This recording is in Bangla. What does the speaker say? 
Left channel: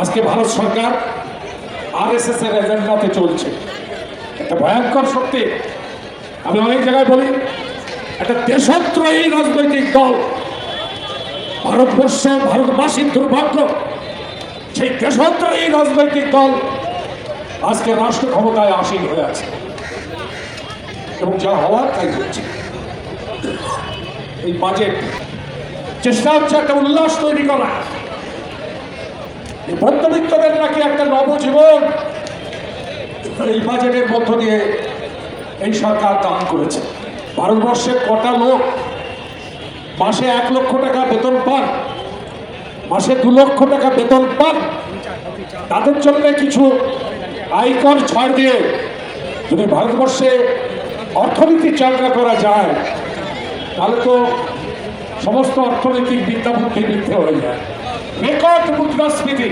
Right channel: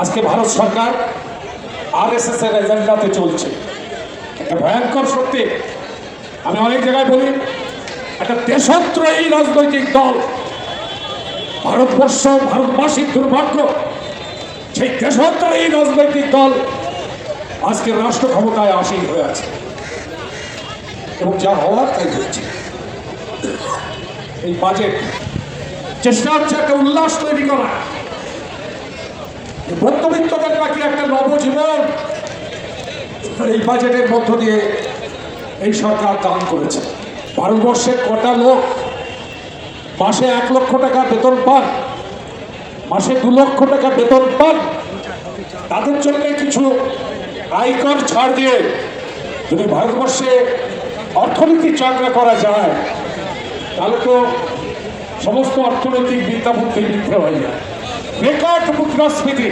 আজকে ভারত সরকার আরএসএস এর এজেন্ডাতে চলছে। একটা ভয়ঙ্কর সত্যি, আমি অনেক জায়গায় বলি, একটা দেশদ্রোহী রাজনৈতিক দল, ভারতবর্ষ ভারতবাসীর দুর্ভাগ্য, সেই দেশদ্রোহী রাজনৈতিক দল আজকে রাষ্ট্র ক্ষমতায় আসীন হয়ে আছে এবং যা হওয়ার তাই হচ্ছে। এই বাজেট চেষ্টা হচ্ছে একটা উল্লাস তৈরি করা, মধ্যবিত্তদের নাকি একটা নবজীবন এই বাজেটের মধ্য দিয়ে এই সরকার দান করেছে। ভারতবর্ষের কটা লোক মাসে 1 লক্ষ টাকা বেতন পান, মাসে 2 লক্ষ টাকা বেতন পান? তাদের জন্য কিছু আয়কর ছাড় দিয়ে যদি ভারতবর্ষে অর্থনীতি চাঙ্গা করা যায়, তাহলে তো সমস্ত অর্থনৈতিক বিদ্যা বুদ্ধি মিথ্যে হয়ে যায়। রেকর্ড মুদ্রাস্ফীতি